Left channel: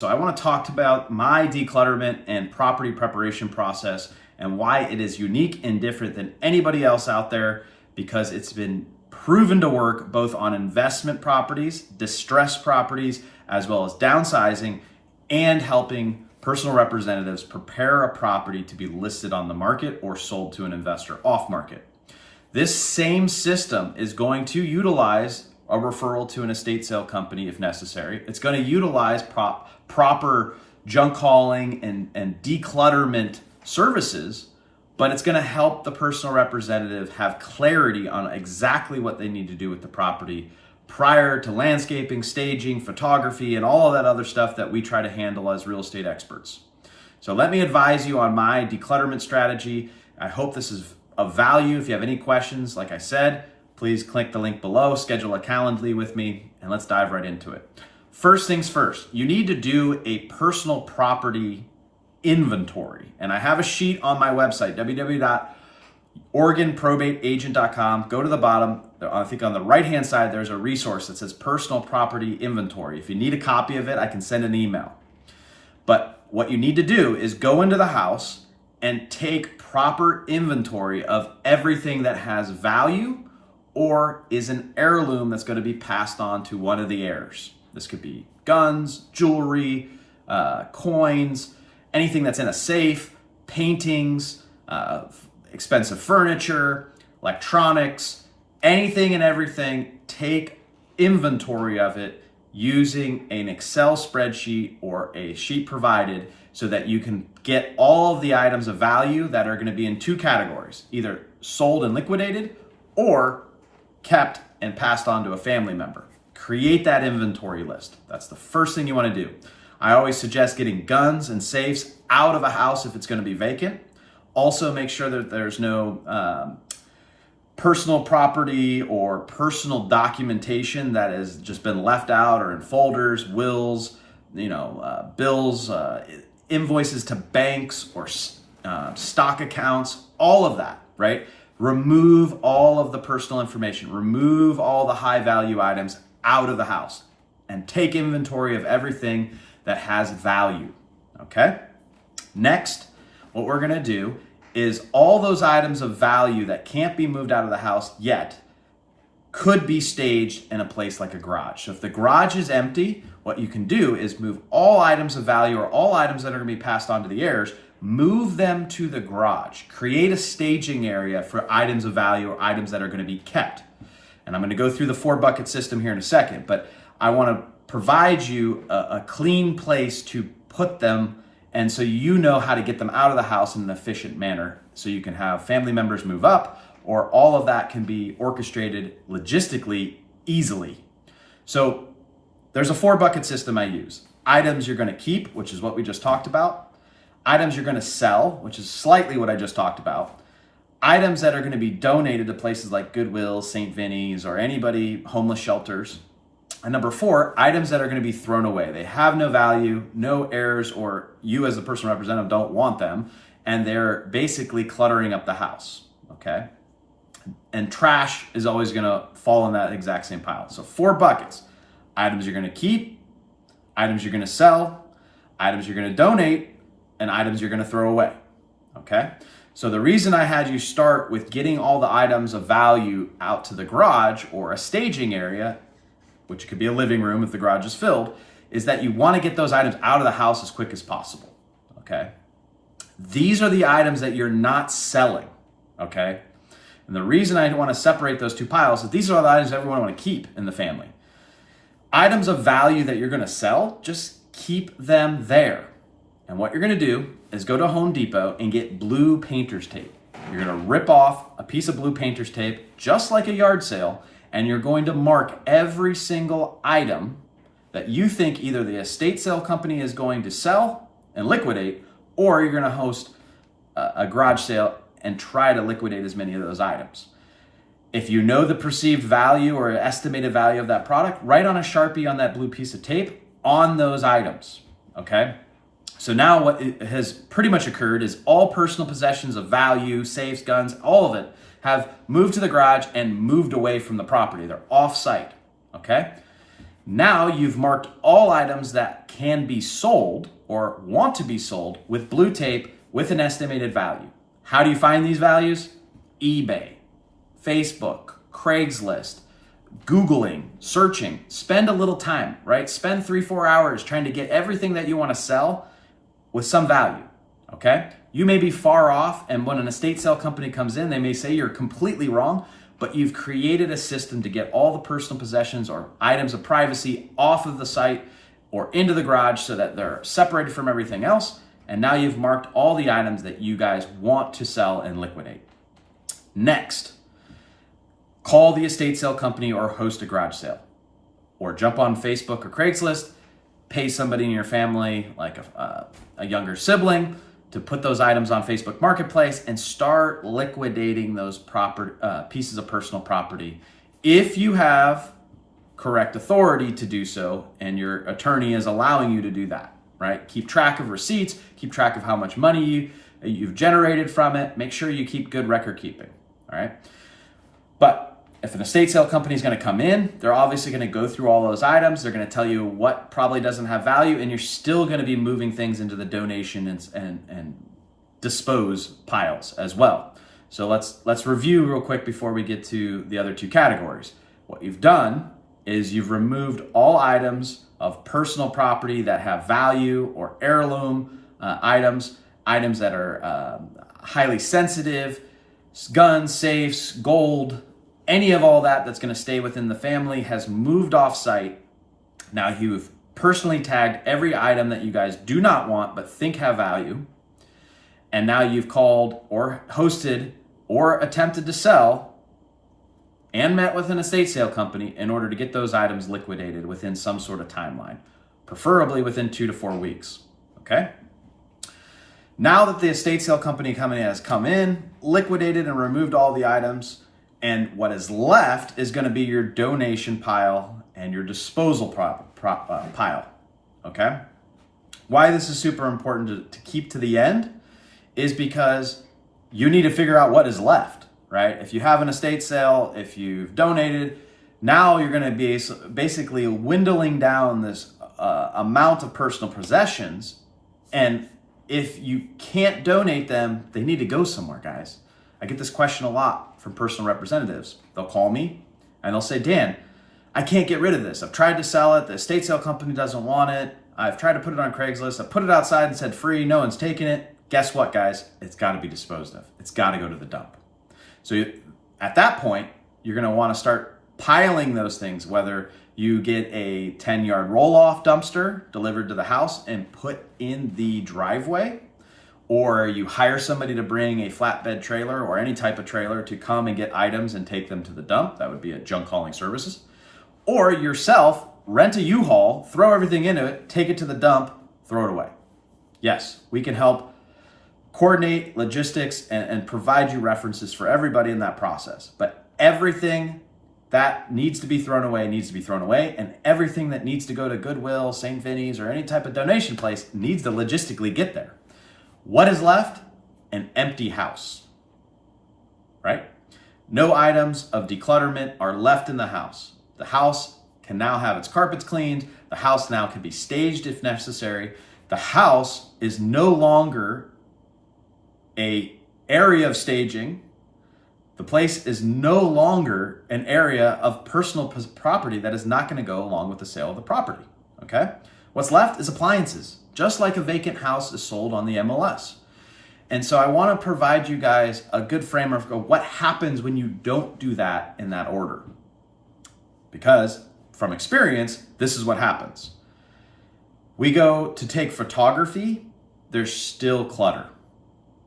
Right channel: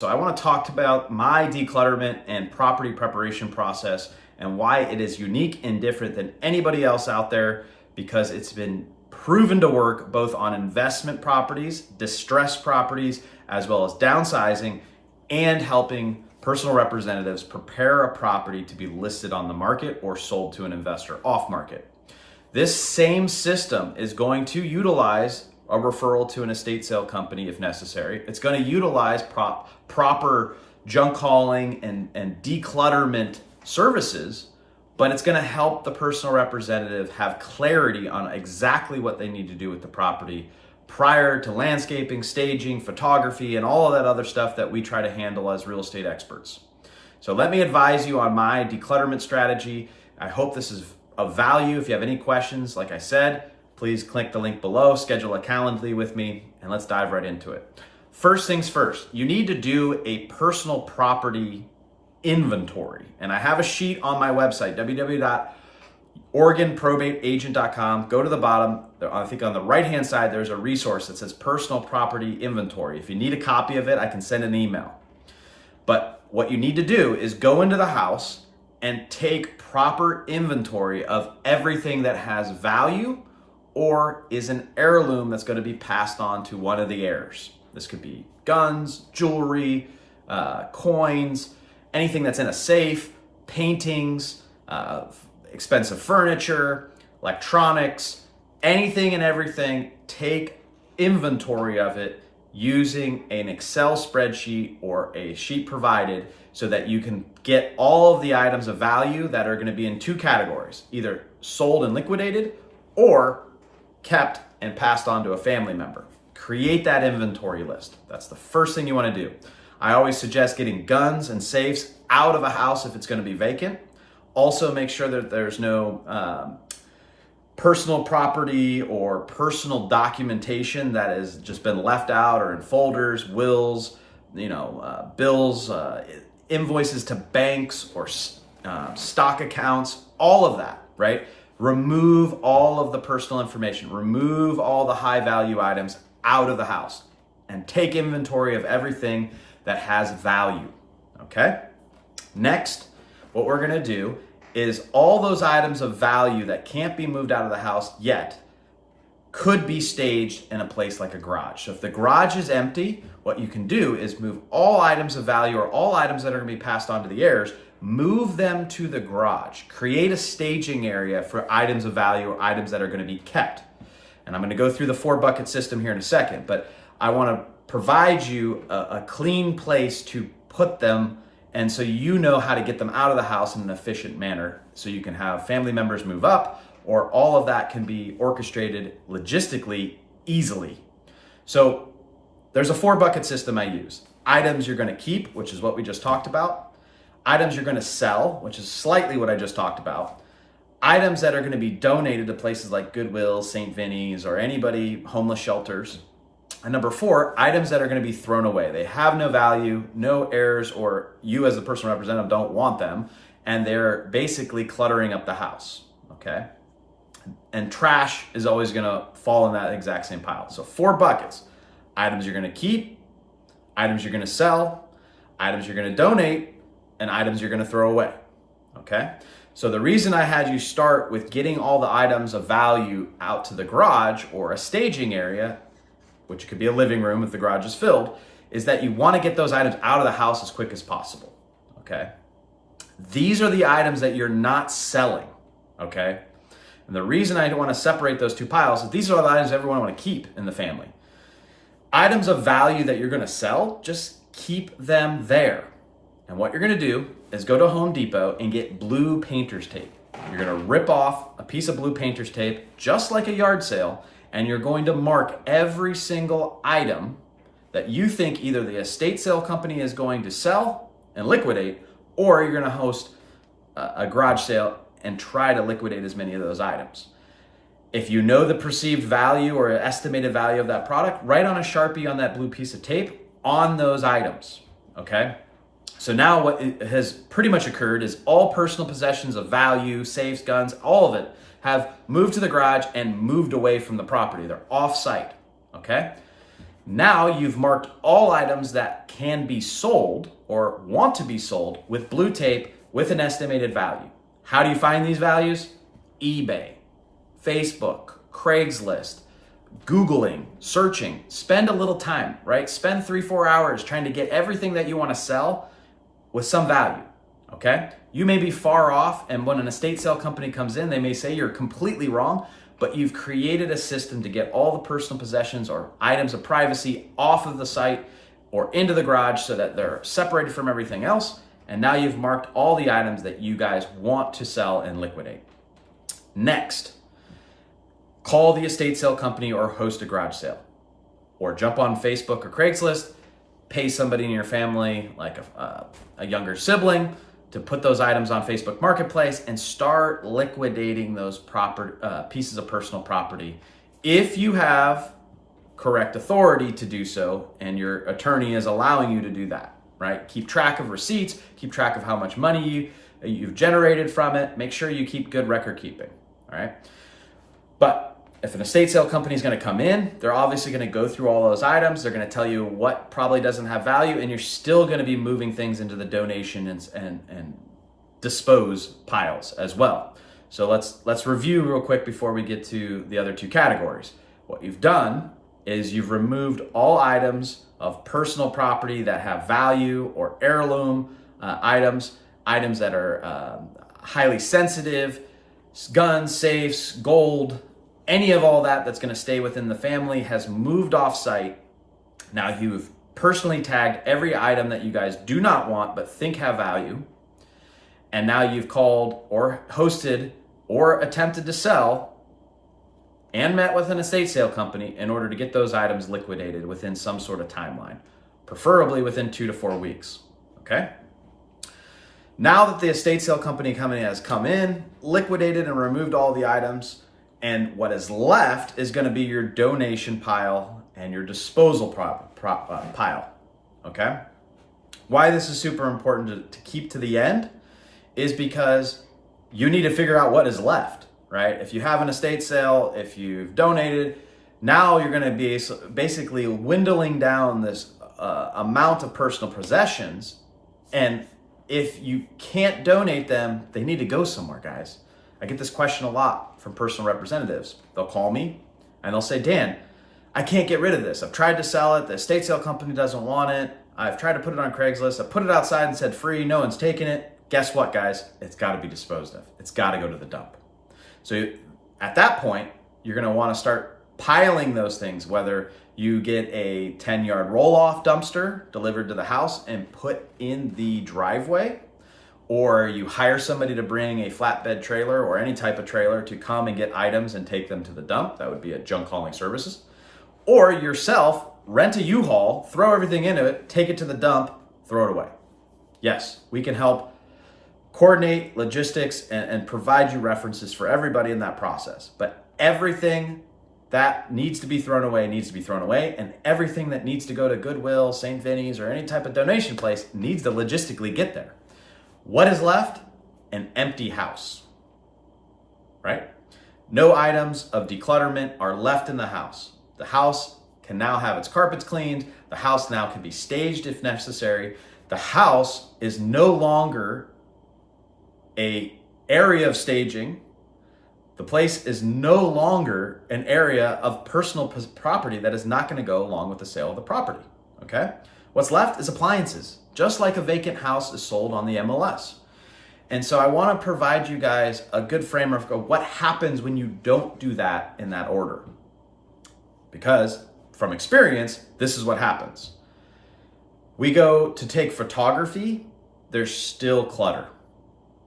So I want to talk about my declutterment and property preparation process and why it is unique and different than anybody else out there, because it's been proven to work both on investment properties, distressed properties, as well as downsizing and helping personal representatives prepare a property to be listed on the market or sold to an investor off market. This same system is going to utilize a referral to an estate sale company if necessary. It's going to utilize proper junk hauling and declutterment services, but it's going to help the personal representative have clarity on exactly what they need to do with the property prior to landscaping, staging, photography, and all of that other stuff that we try to handle as real estate experts. So let me advise you on my declutterment strategy. I hope this is of value. If you have any questions, like I said, please click the link below, schedule a Calendly with me, and let's dive right into it. First things first, you need to do a personal property inventory. And I have a sheet on my website, www.oregonprobateagent.com. Go to the bottom. I think on the right-hand side, there's a resource that says personal property inventory. If you need a copy of it, I can send an email. But what you need to do is go into the house and take proper inventory of everything that has value or is an heirloom that's going to be passed on to one of the heirs. This could be guns, jewelry, coins, anything that's in a safe, paintings, expensive furniture, electronics, anything and everything. Take inventory of it using an Excel spreadsheet or a sheet provided so that you can get all of the items of value that are going to be in two categories, either sold and liquidated or kept and passed on to a family member. Create that inventory list. That's the first thing you want to do. I always suggest getting guns and safes out of a house if it's going to be vacant. Also, make sure that there's no personal property or personal documentation that has just been left out or in folders, wills, bills, invoices to banks or stock accounts, all of that, right? Remove all of the personal information, remove all the high value items out of the house and take inventory of everything that has value, okay? Next, what we're gonna do is all those items of value that can't be moved out of the house yet could be staged in a place like a garage. So if the garage is empty, what you can do is move all items of value or all items that are gonna be passed on to the heirs, move them to the garage. Create a staging area for items of value or items that are going to be kept. And I'm going to go through the 4-bucket system here in a second, but I want to provide you a clean place to put them, and so you know how to get them out of the house in an efficient manner so you can have family members move up, or all of that can be orchestrated logistically easily. So there's a 4-bucket system I use. Items you're going to keep, which is what we just talked about. Items you're going to sell, which is slightly what I just talked about. Items that are going to be donated to places like Goodwill, St. Vinny's, or anybody, homeless shelters. And number 4, items that are going to be thrown away. They have no value, no heirs, or you as a personal representative don't want them, and they're basically cluttering up the house, okay? And trash is always going to fall in that exact same pile. So 4 buckets. Items you're going to keep, items you're going to sell, items you're going to donate, and items you're going to throw away, okay? So the reason I had you start with getting all the items of value out to the garage or a staging area, which could be a living room if the garage is filled, is that you want to get those items out of the house as quick as possible, okay? These are the items that you're not selling, okay? And the reason I want to separate those two piles is these are the items everyone want to keep in the family. Items of value that you're going to sell, just keep them there. And what you're going to do is go to Home Depot and get blue painter's tape. You're going to rip off a piece of blue painter's tape, just like a yard sale, and you're going to mark every single item that you think either the estate sale company is going to sell and liquidate, or you're going to host a garage sale and try to liquidate as many of those items. If you know the perceived value or estimated value of that product, write on a Sharpie on that blue piece of tape on those items, okay? So now what has pretty much occurred is all personal possessions of value, safes, guns, all of it have moved to the garage and moved away from the property. They're off site, okay? Now you've marked all items that can be sold or want to be sold with blue tape with an estimated value. How do you find these values? eBay, Facebook, Craigslist, Googling, searching. Spend a little time, right? Spend 3-4 hours trying to get everything that you want to sell with some value, okay? You may be far off, and when an estate sale company comes in, they may say you're completely wrong, but you've created a system to get all the personal possessions or items of privacy off of the site or into the garage so that they're separated from everything else. And now you've marked all the items that you guys want to sell and liquidate. Next, call the estate sale company or host a garage sale, or jump on Facebook or Craigslist, pay somebody in your family, like a younger sibling, to put those items on Facebook Marketplace and start liquidating those pieces of personal property if you have correct authority to do so and your attorney is allowing you to do that, right? Keep track of receipts, keep track of how much money you've generated from it. Make sure you keep good record keeping, all right? But if an estate sale company is going to come in, they're obviously going to go through all those items. They're going to tell you what probably doesn't have value, and you're still going to be moving things into the donation and dispose piles as well. So let's review real quick before we get to the other two categories. What you've done is you've removed all items of personal property that have value or heirloom items that are highly sensitive, guns, safes, gold. Any of all that's going to stay within the family has moved off site. Now you've personally tagged every item that you guys do not want but think have value. And now you've called or hosted or attempted to sell and met with an estate sale company in order to get those items liquidated within some sort of timeline, preferably within 2 to 4 weeks, okay? Now that the estate sale company has come in, liquidated and removed all the items, and what is left is going to be your donation pile and your disposal pile, okay? Why this is super important to keep to the end is because you need to figure out what is left, right? If you have an estate sale, if you've donated, now you're going to be basically dwindling down this amount of personal possessions. And if you can't donate them, they need to go somewhere, guys. I get this question a lot from personal representatives. They'll call me and they'll say, Dan, I can't get rid of this. I've tried to sell it. The estate sale company doesn't want it. I've tried to put it on Craigslist. I put it outside and said free. No one's taking it. Guess what, guys? It's got to be disposed of. It's got to go to the dump. So at that point, you're going to want to start piling those things, whether you get a 10-yard roll-off dumpster delivered to the house and put in the driveway, or you hire somebody to bring a flatbed trailer or any type of trailer to come and get items and take them to the dump. That would be a junk hauling services. Or yourself, rent a U-Haul, throw everything into it, take it to the dump, throw it away. Yes, we can help coordinate logistics and provide you references for everybody in that process. But everything that needs to be thrown away needs to be thrown away, and everything that needs to go to Goodwill, St. Vinny's, or any type of donation place needs to logistically get there. What is left? An empty house, right? No items of declutterment are left in the house. The house can now have its carpets cleaned. The house now can be staged if necessary. The house is no longer an area of staging. The place is no longer an area of personal property that is not going to go along with the sale of the property, okay? What's left is appliances, just like a vacant house is sold on the MLS. And so I want to provide you guys a good framework of what happens when you don't do that in that order. Because from experience, this is what happens. We go to take photography, there's still clutter.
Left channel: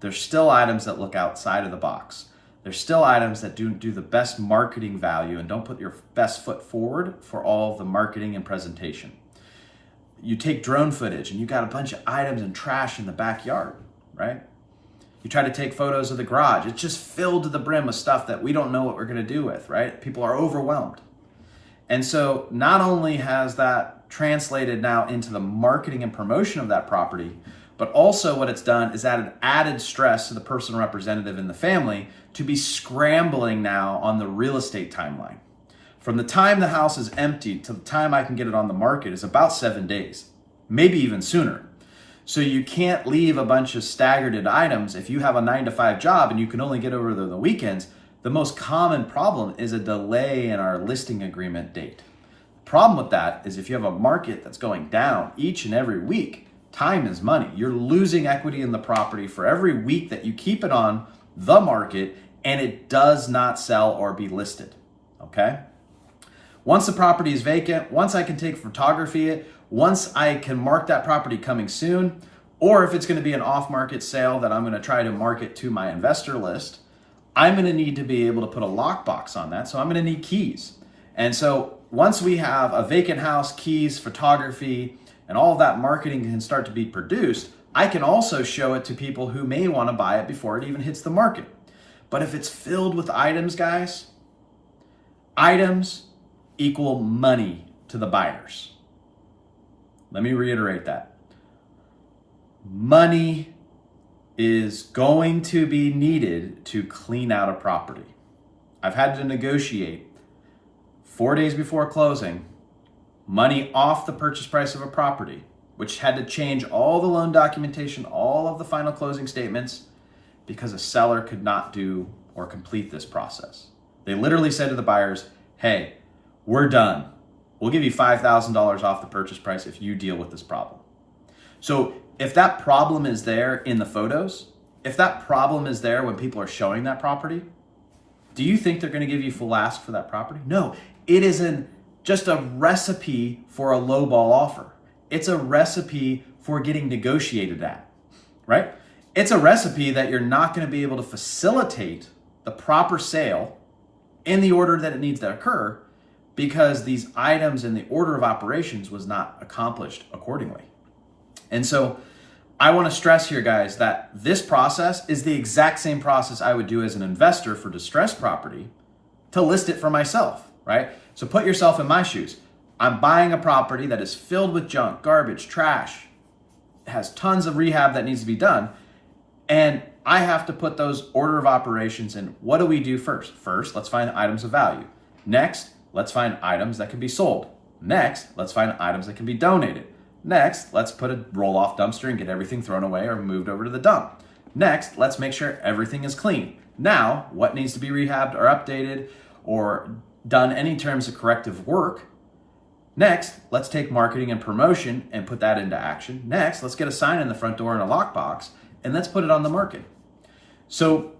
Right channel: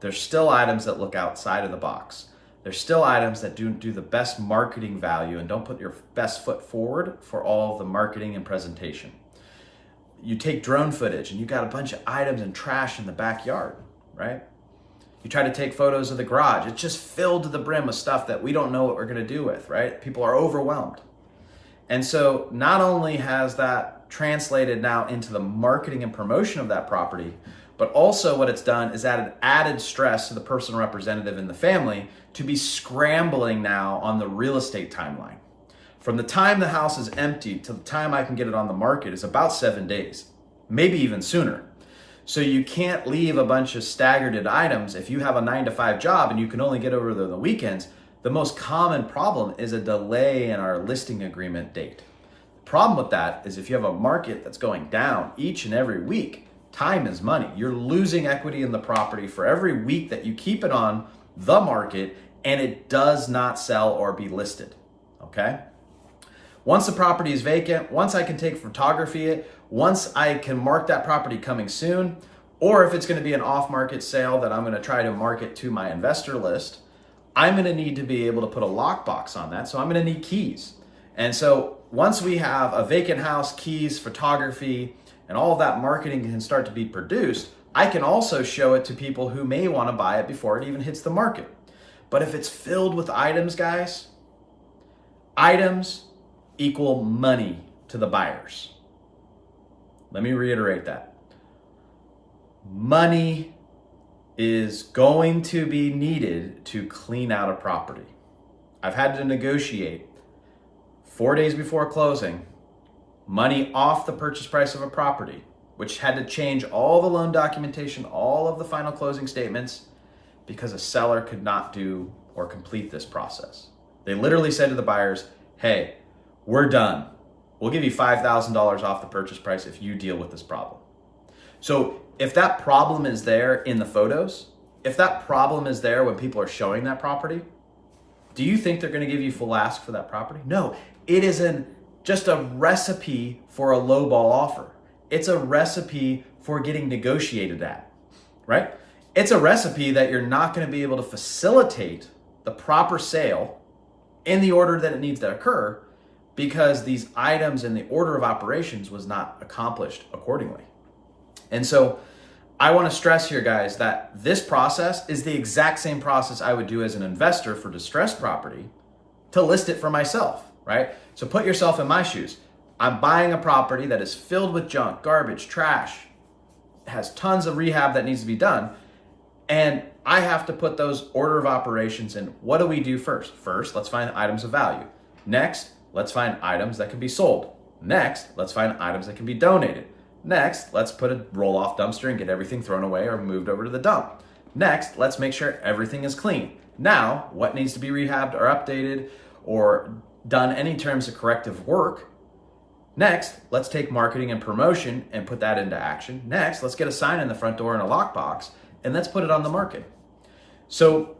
There's still items that look outside of the box. There's still items that do the best marketing value and don't put your best foot forward for all of the marketing and presentation. You take drone footage and you got a bunch of items and trash in the backyard, right? You try to take photos of the garage. It's just filled to the brim with stuff that we don't know what we're going to do with, right? People are overwhelmed. And so not only has that translated now into the marketing and promotion of that property, but also what it's done is added stress to the personal representative in the family to be scrambling now on the real estate timeline. From the time the house is empty to the time I can get it on the market is about 7 days, maybe even sooner. So you can't leave a bunch of staggered items. If you have a 9-to-5 job and you can only get over there the weekends, the most common problem is a delay in our listing agreement date. The problem with that is if you have a market that's going down each and every week, time is money. You're losing equity in the property for every week that you keep it on the market and it does not sell or be listed, okay? Once the property is vacant, once I can take photography it, once I can mark that property coming soon, or if it's gonna be an off-market sale that I'm gonna try to market to my investor list, I'm gonna need to be able to put a lockbox on that, so I'm gonna need keys. And so once we have a vacant house, keys, photography, and all of that marketing can start to be produced, I can also show it to people who may wanna buy it before it even hits the market. But if it's filled with items, guys, items equal money to the buyers. Let me reiterate that. Money is going to be needed to clean out a property. I've had to negotiate 4 days before closing, money off the purchase price of a property, which had to change all the loan documentation, all of the final closing statements, because a seller could not do or complete this process. They literally said to the buyers, hey, we're done. We'll give you $5,000 off the purchase price if you deal with this problem. So if that problem is there in the photos, if that problem is there when people are showing that property, do you think they're gonna give you full ask for that property? No, it isn't just a recipe for a lowball offer. It's a recipe for getting negotiated at, right? It's a recipe that you're not gonna be able to facilitate the proper sale in the order that it needs to occur because these items in the order of operations was not accomplished accordingly. And so I wanna stress here, guys, that this process is the exact same process I would do as an investor for distressed property to list it for myself, right? So put yourself in my shoes. I'm buying a property that is filled with junk, garbage, trash, has tons of rehab that needs to be done. And I have to put those order of operations in. What do we do first? First, let's find items of value. Next, let's find items that can be sold. Next, let's find items that can be donated. Next, let's put a roll-off dumpster and get everything thrown away or moved over to the dump. Next, let's make sure everything is clean. Now, what needs to be rehabbed or updated or done any terms of corrective work? Next, let's take marketing and promotion and put that into action. Next, let's get a sign in the front door and a lockbox and let's put it on the market. So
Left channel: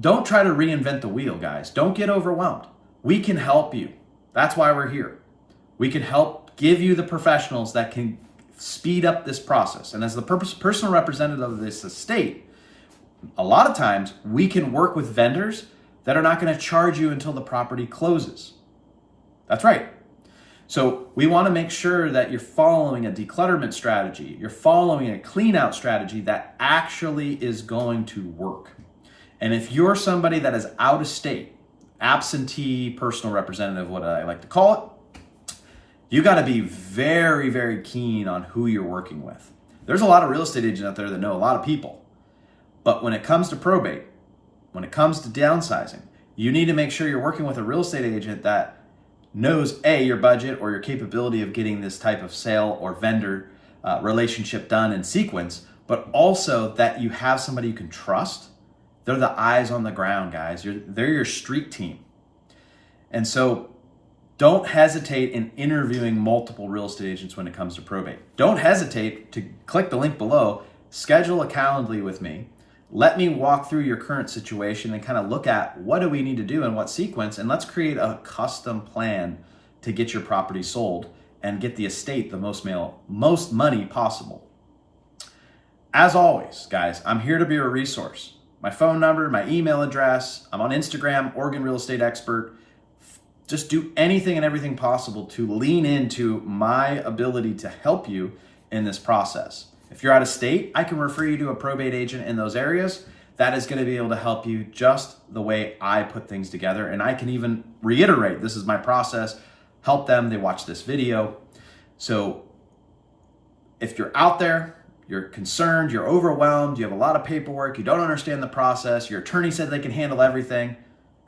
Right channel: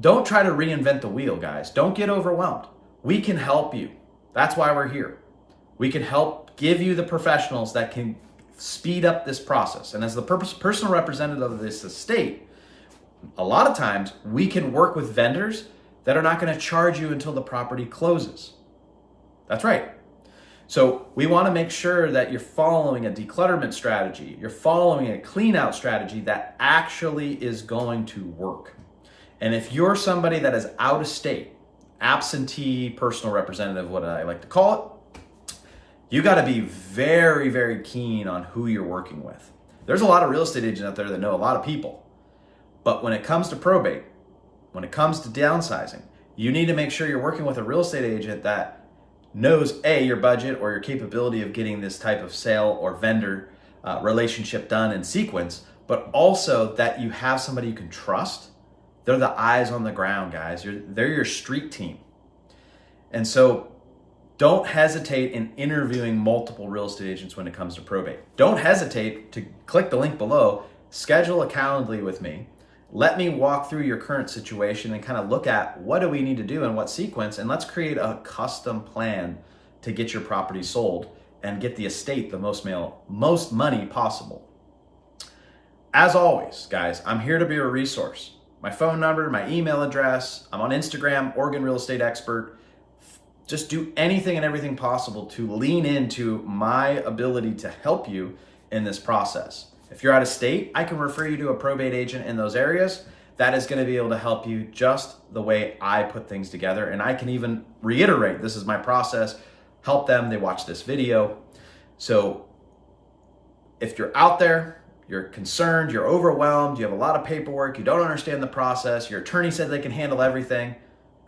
don't try to reinvent the wheel, guys. Don't get overwhelmed. We can help you. That's why we're here. We can help give you the professionals that can speed up this process. And as the personal representative of this estate, a lot of times we can work with vendors that are not going to charge you until the property closes. That's right. So we want to make sure that you're following a declutterment strategy, you're following a clean out strategy that actually is going to work. And if you're somebody that is out of state, absentee personal representative, what I like to call it, you got to be very, very keen on who you're working with. There's a lot of real estate agents out there that know a lot of people. But when it comes to probate, when it comes to downsizing, you need to make sure you're working with a real estate agent that knows A, your budget or your capability of getting this type of sale or vendor relationship done in sequence, but also that you have somebody you can trust. They're the eyes on the ground, guys. They're your street team. And so don't hesitate in interviewing multiple real estate agents when it comes to probate. Don't hesitate to click the link below, schedule a Calendly with me. Let me walk through your current situation and kind of look at what do we need to do in what sequence, and let's create a custom plan to get your property sold and get the estate the most money possible. As always, guys, I'm here to be a resource. My phone number, my email address, I'm on Instagram, Oregon Real Estate Expert. Just do anything and everything possible to lean into my ability to help you in this process. If you're out of state, I can refer you to a probate agent in those areas that is going to be able to help you just the way I put things together. And I can even reiterate, this is my process, help them, they watch this video. So if you're out there, you're concerned, you're overwhelmed, you have a lot of paperwork, you don't understand the process, your attorney said they can handle everything,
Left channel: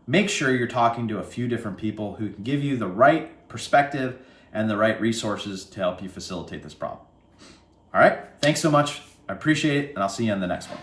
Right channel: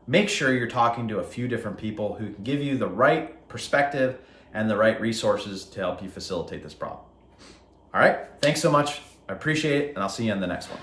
make sure you're talking to a few different people who can give you the right perspective and the right resources to help you facilitate this problem. All right, thanks so much. I appreciate it, and I'll see you in the next one.